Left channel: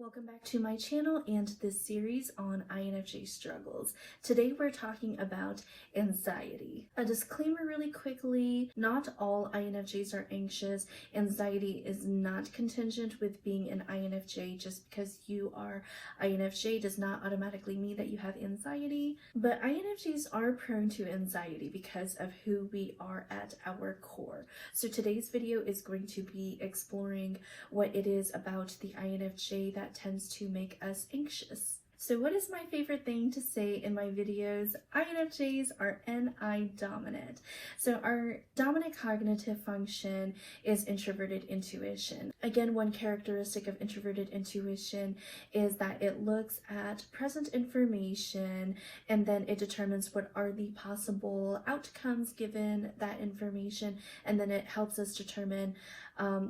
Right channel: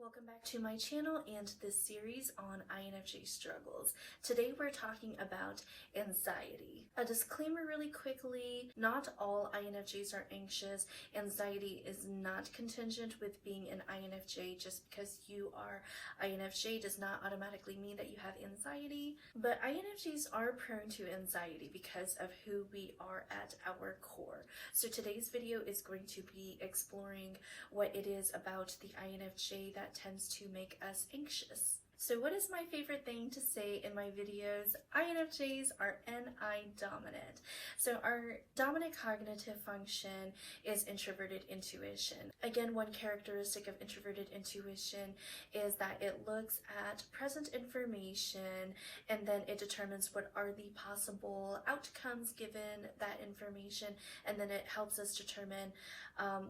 Welcome back to my channel and this series on INFJ Struggles. Today we're talking about anxiety. A disclaimer really quickly, not all INFJs are anxious. Anxiety is not contingent with being an INFJ. Just because you are INFJ does not automatically mean that you have anxiety. But INFJs are prone to anxiety because of who we are at our core. So today's video is going to be exploring what it is about the INFJ that tends to make us anxious. So what is my favorite thing to say in my videos? INFJs are NI dominant. So our dominant cognitive function is introverted intuition. Again, one characteristic of introverted intuition is that it looks at present information and then it determines what are the possible outcomes given that information, and then it helps us determine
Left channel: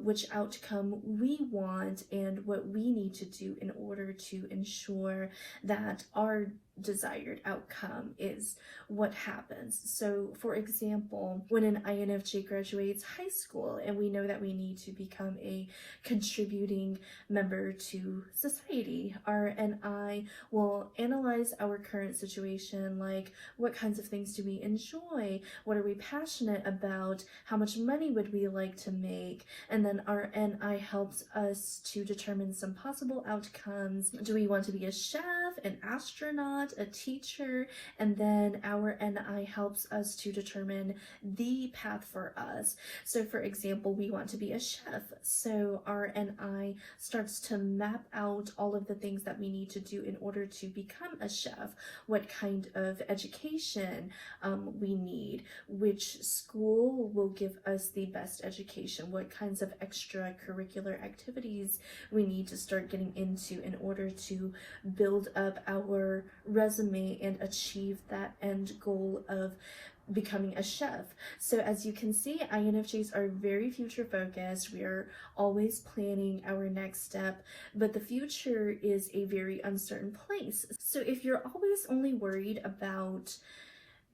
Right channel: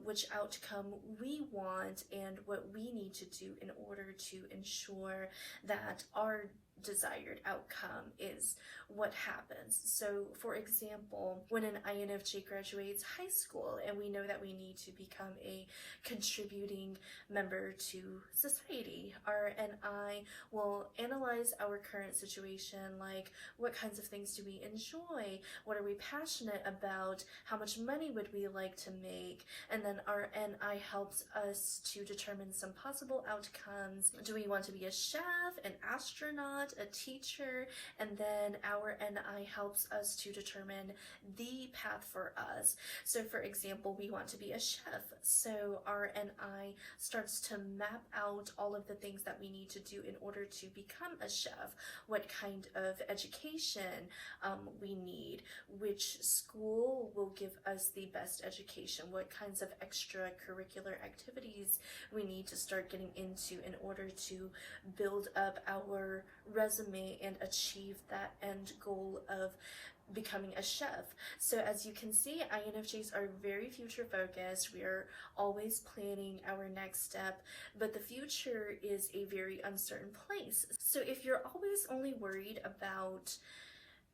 which outcome we want and what we need to do in order to ensure that our desired outcome is what happens. So for example, when an INFJ graduates high school and we know that we need to become a contributing member to society, our NI will analyze our current situation, like what kinds of things do we enjoy, what are we passionate about, how much money would we like to make, and then our NI helps us to determine some possible outcomes. Do we want to be a chef, an astronaut, a teacher? And then our NI helps us to determine the path for us. So for example, we want to be a chef. So our NI starts to map out all of the things that we need to do in order to become a chef, what kind of education we need, which school will give us the best education, what kinds of extracurricular activities we need to start getting into in order to build up our resume and achieve that end goal of becoming a chef. So as you can see, INFJs are very future focused. We are always planning our next step, but the future is a very uncertain place. So if you're always only worried about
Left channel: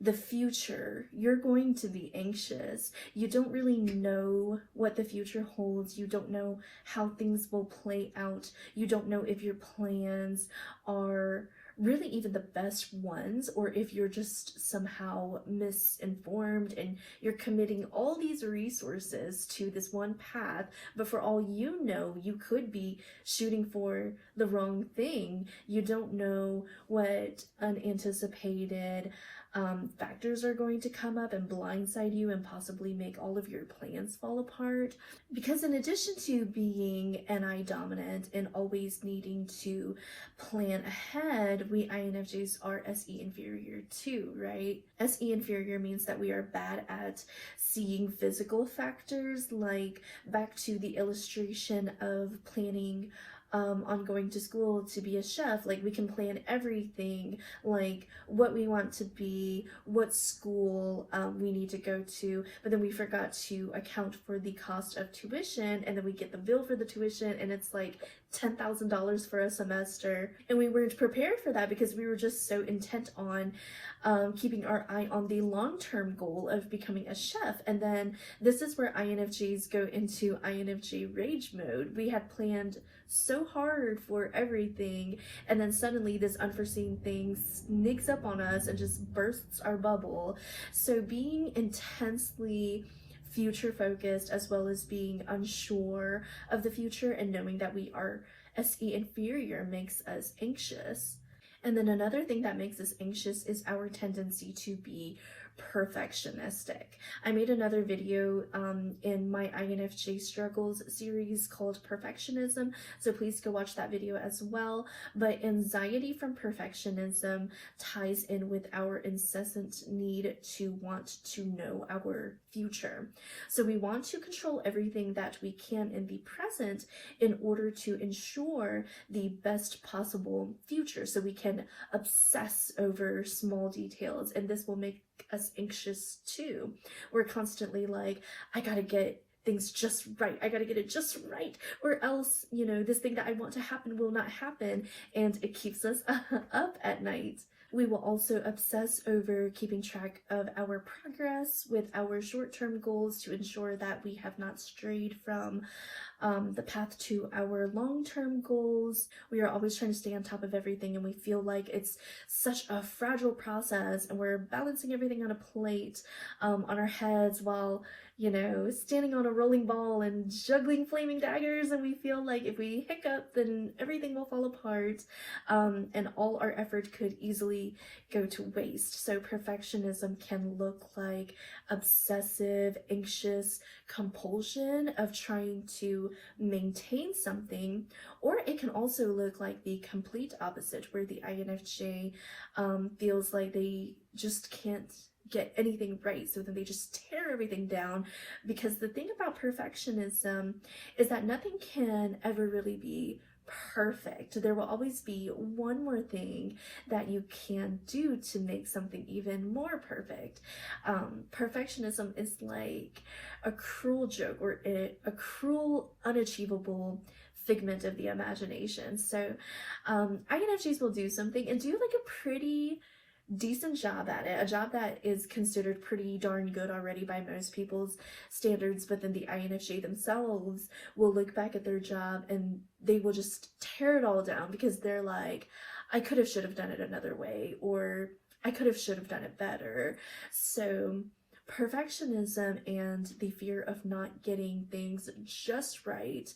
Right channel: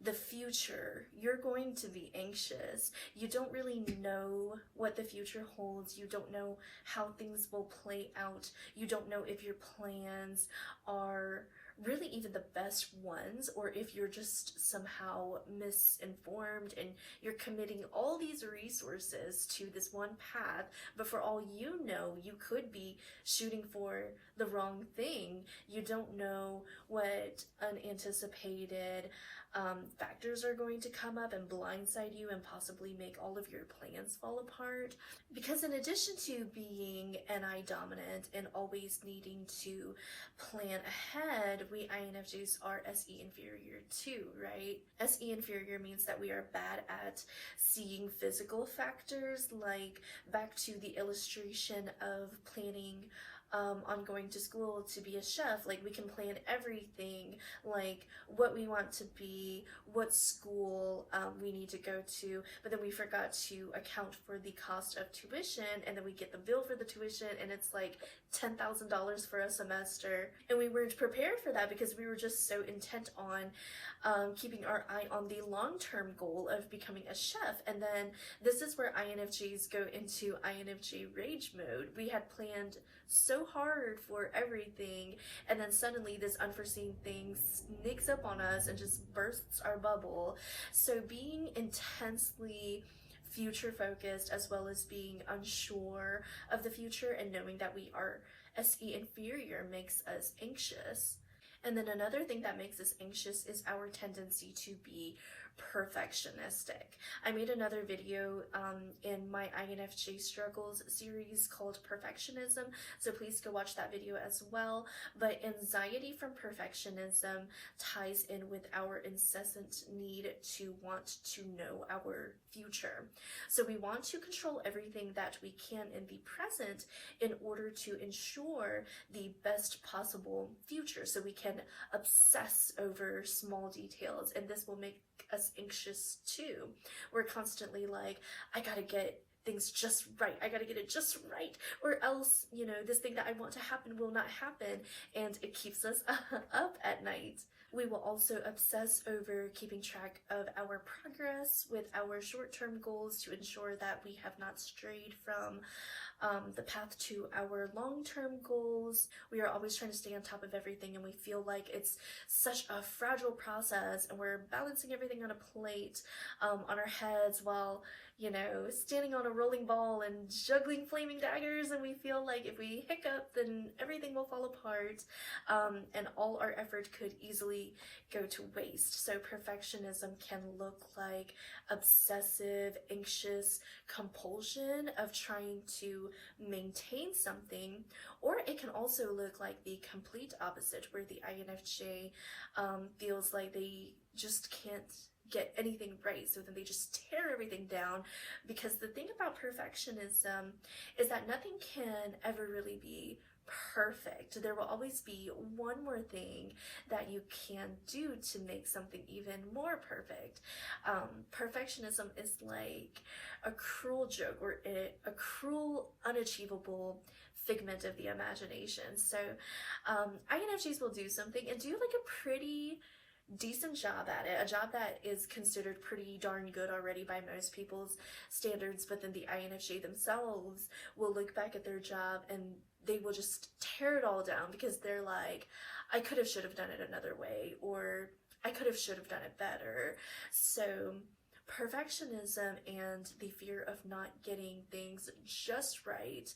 the future, you're going to be anxious. You don't really know what the future holds. You don't know how things will play out. You don't know if your plans are really even the best ones, or if you're just somehow misinformed and you're committing all these resources to this one path, but for all you know, you could be shooting for the wrong thing. You don't know what unanticipated factors are going to come up and blindside you and possibly make all of your plans fall apart. Because in addition to being NI dominant and always needing to plan ahead, we INFJs are SE inferior too, right? SE inferior means that we are bad at seeing physical factors, like back to the illustration of planning on going to school to be a chef. Like we can plan everything, like what we want to be, what school we need to go to, but then we forgot to account for the cost of tuition, and then we get the bill for the tuition and it's like $10,000 for a semester, and we weren't prepared for that because we were just so intent on keeping our eye on the long-term goal of becoming a chef. And then this is where INFJs go into INFJ rage mode. We had planned so hard for everything, and then suddenly this unforeseen thing sneaks up on us and just bursts our bubble. So being intensely future focused, as well as being unsure of the future and knowing that we are SE inferior, makes us anxious. And then another thing that makes us anxious is our tendency to be perfectionistic. I made another video in my INFJ Struggles series called Perfectionism, so please go watch that video as well. But anxiety from perfectionism ties in with our incessant need to want to know our future. So we want to control everything that we can in the present in order to ensure the best possible future. So we can obsess over small details, and this will make us anxious too. We're constantly like, I gotta get things just right. I gotta get it just right, or else, you know, this thing that I want to happen will not happen, and it keeps us up at night. We will also obsess over keeping track of our progress with our short-term goals to ensure that we have not strayed from the path to our long-term goals. We are always trying to stay on top of everything, and we feel like it's such a fragile process, and we're balancing everything on a plate, on our heads, while standing on a rolling ball and juggling flaming daggers, and we feel like if we hiccup, then everything will fall apart, and all our effort could easily go to waste. So perfectionism can look like obsessive, anxious compulsion of trying to maintain something, or it can also look like the complete opposite, where the INFJ feels like they just can't get anything right, so then they just tear everything down. Because the thing about perfectionism is that nothing can ever really be perfect. There will always be one more thing that you can do to make something even more perfect. Perfectionism is like a cruel joke, or a cruel, unachievable figment of the imagination. So INFJs will do something and do like a pretty decent job at it, a job that is considered pretty darn good already by most people's standards, but then the INFJ themselves will look back at their job and they will just tear it all down, because they're like, I should have done it another way, or I should have done it better. So perfectionism and the fear of not getting things just right,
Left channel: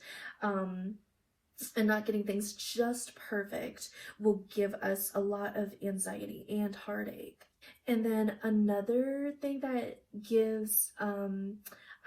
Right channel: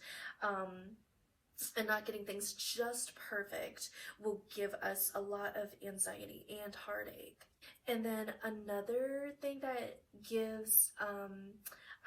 and not getting things just perfect, will give us a lot of anxiety and heartache. And then another thing that gives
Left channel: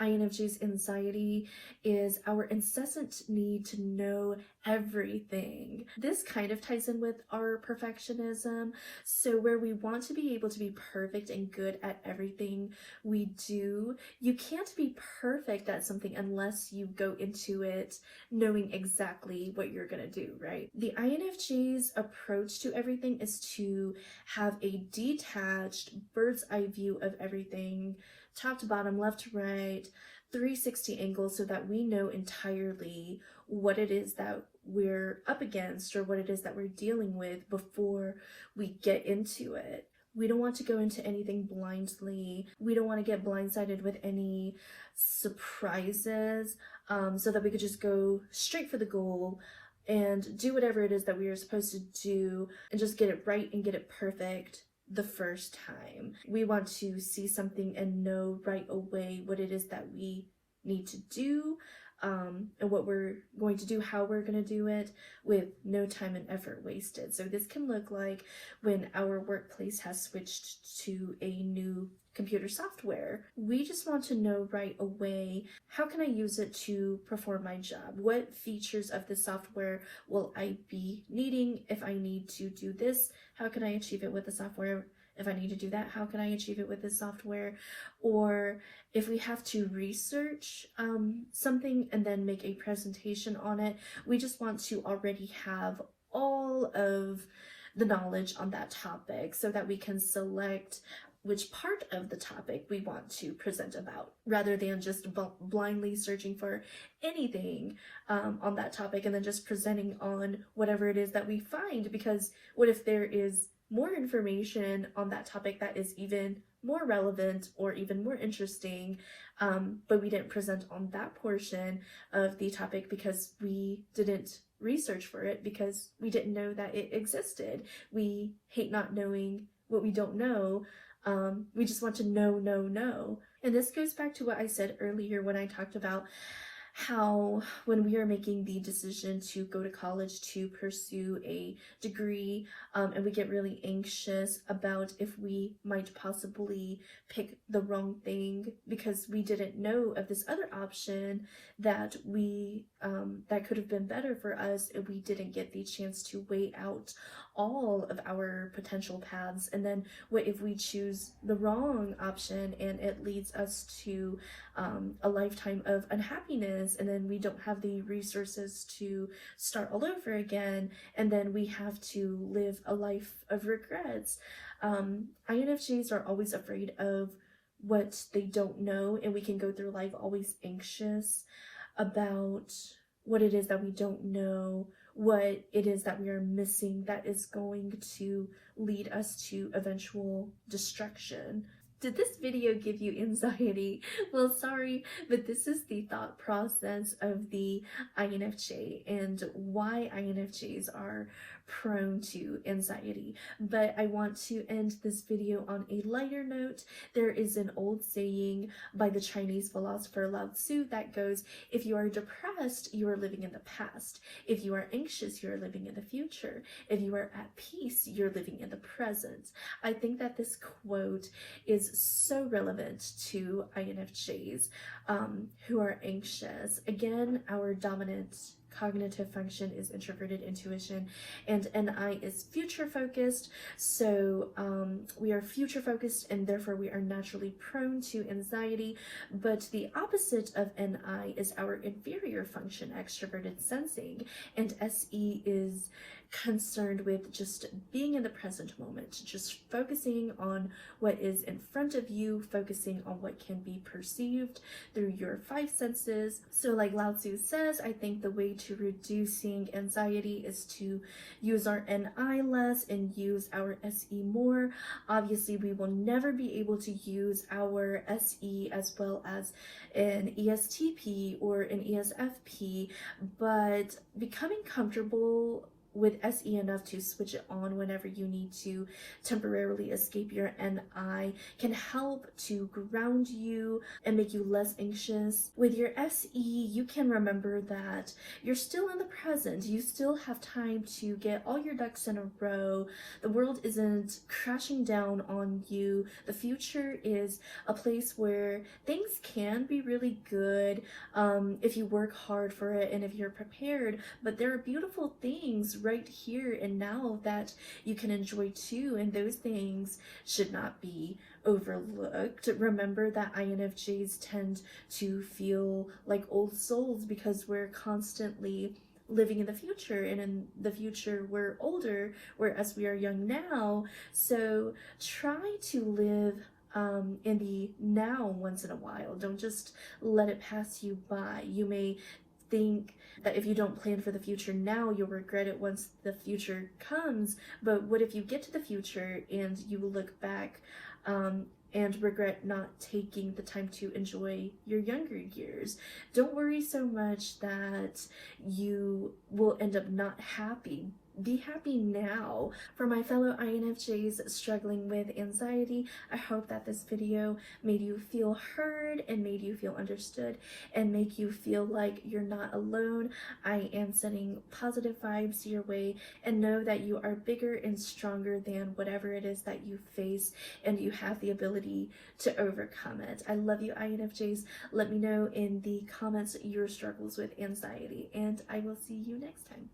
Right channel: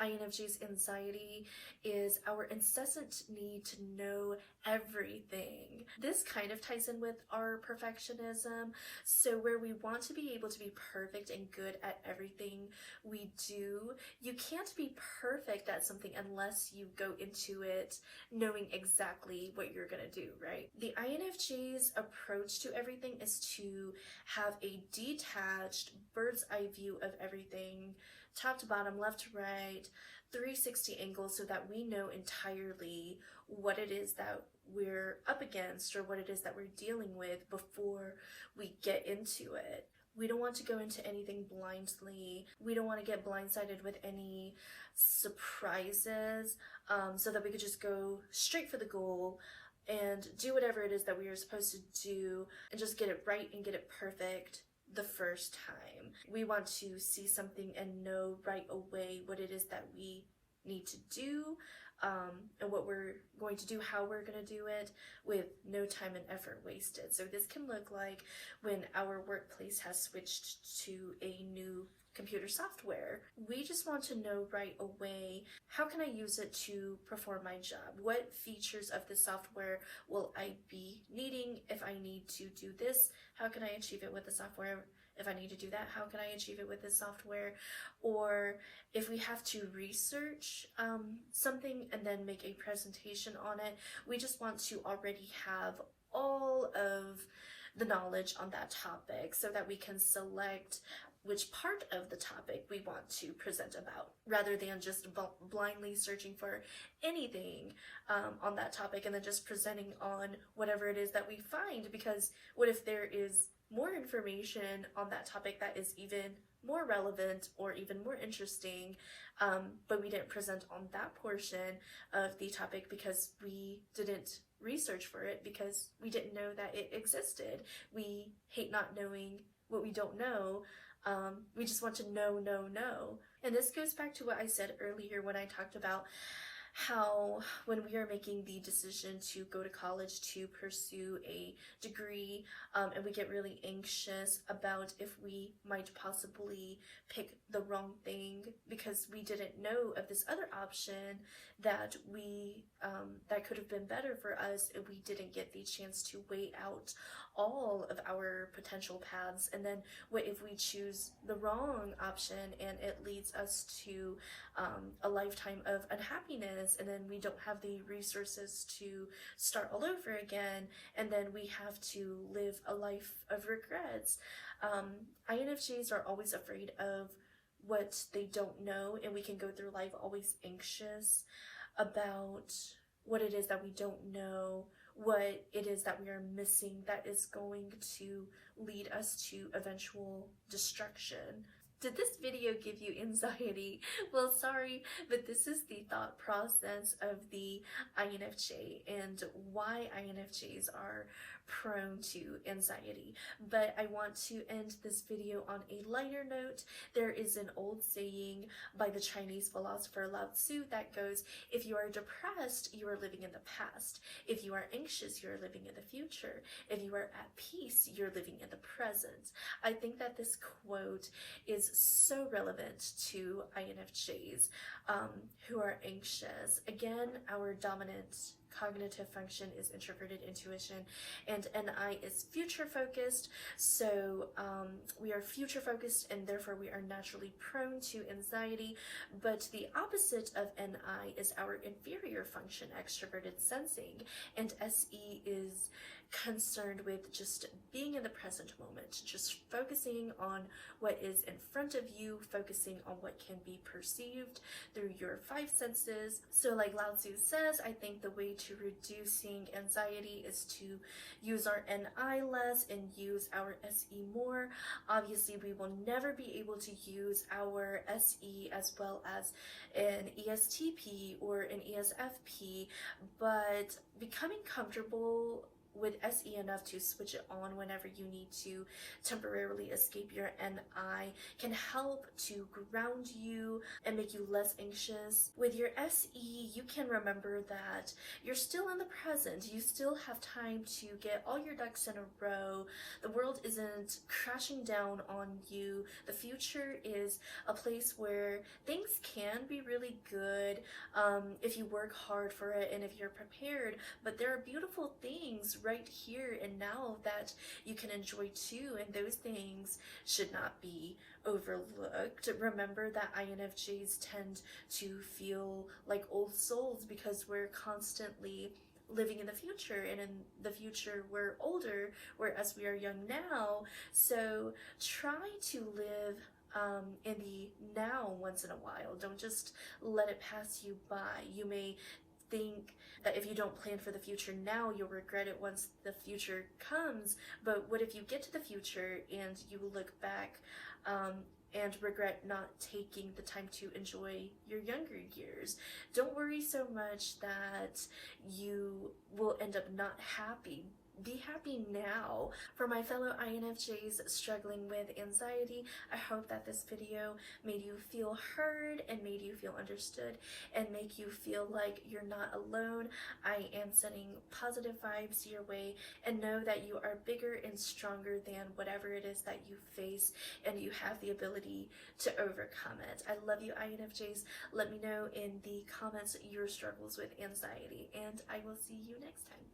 INFJ's anxiety is our incessant need to know everything. This kind of ties in with our perfectionism. So where we want to be able to be perfect and good at everything we do, you can't be perfect at something unless you go into it knowing exactly what you're gonna do, right? The INFJ's approach to everything is to have a detached bird's eye view of everything, top to bottom, left to right, 360 angles, so that we know entirely what it is that we're up against, or what it is that we're dealing with before we get into it. We don't want to go into anything blindly. We don't want to get blindsided with any surprises, so that we could just go straight for the goal and do whatever it is that we are supposed to do and just get it right and get it perfect the first time. We want to see something and know right away what it is that we need to do, and what we're going to do, how we're going to do it, with no time and effort wasted. So this can look like when our workplace has switched to a new computer software. We just want to know right away, how can I use it to perform my job? What features of the software will I be needing? If I need to do this, how can I achieve it with the software? If I need to do that, how can I achieve it with this software? Or if we have to research something and then make a presentation on it, we just want to already have all of the knowledge on that topic, so that we can select which part of the topic we want to present about, rather than just blindly searching for anything on that topic and then just presenting on whatever it is that we find. Because what if there is more information on that topic that is even more relevant or even more interesting, but we didn't present on that portion of the topic because we didn't research for it, because we didn't know that it existed. We hate not knowing what we don't know. We just want to know. And this goes back to what I said earlier when I talked about how when we are making the decision to go to college to pursue a degree, and we get really anxious about if we might possibly pick the wrong thing because we didn't know of this other option that that could have been better for us, and we didn't get the chance to weigh out all of our potential paths. And then what if we choose the wrong option and it leads us to a lifetime of unhappiness, and then we don't have the resources to start all over again, and then we have to live a life of regrets. INFJs are always afraid of what they don't know, and we can go through life always anxious about what it is that we don't know, what it is that we are missing that is going to lead us to eventual destruction. Did this video give you anxiety? Well, sorry, but this is the thought process of the INFJ and why INFJs are prone to anxiety. But I want to end this video on a lighter note. There is an old saying by the Chinese philosopher Lao Tzu that goes, if you are depressed, you are living in the past. If you are anxious, you are living in the future. If you are at peace, you're living in the present. I think that this quote is so relevant to INFJs who are anxious. Again, our dominant cognitive function is introverted intuition, and NI is future focused. So we are future focused, and therefore we are naturally prone to anxiety. But the opposite of NI is our inferior function, extroverted sensing, and SE is concerned with just being in the present moment, just focusing on what is in front of you, focusing on what can be perceived through your five senses. So like Lao Tzu says, I think the way to reducing anxiety is to use our NI less and use our SE more. Obviously, we will never be able to use our SE as well as an ESTP or an ESFP, but becoming comfortable with SE enough to switch it on whenever you need to temporarily escape your NI can help to ground you and make you less anxious. With your SE, you can remember that you're still in the present. You still have time to get all your ducks in a row. The world isn't crashing down on you. The future is a place where things can be really good if you work hard for it and if you're prepared, but there are beautiful things right here and now that you can enjoy too, and those things should not be overlooked. Remember that INFJs tend to feel like old souls because we're constantly living in the future, and in the future we're older, whereas we are young now. So try to live in the now once in a while. Don't just let it pass you by. You may think that if you don't plan for the future now, you'll regret it once the future comes. But what if you get to the future and you look back and regret not taking the time to enjoy your younger years? Don't worry so much that you will end up not happy. Be happy now. For my fellow INFJs struggling with anxiety, I hope that this video made you feel heard and made you feel understood and make you feel like you're not alone. I am sending positive vibes your way, and know that you are bigger and stronger than whatever it is that you face, and you have the ability to overcome it. I love you, INFJs. Let me know in the comments your struggles with anxiety, and I will see you next time.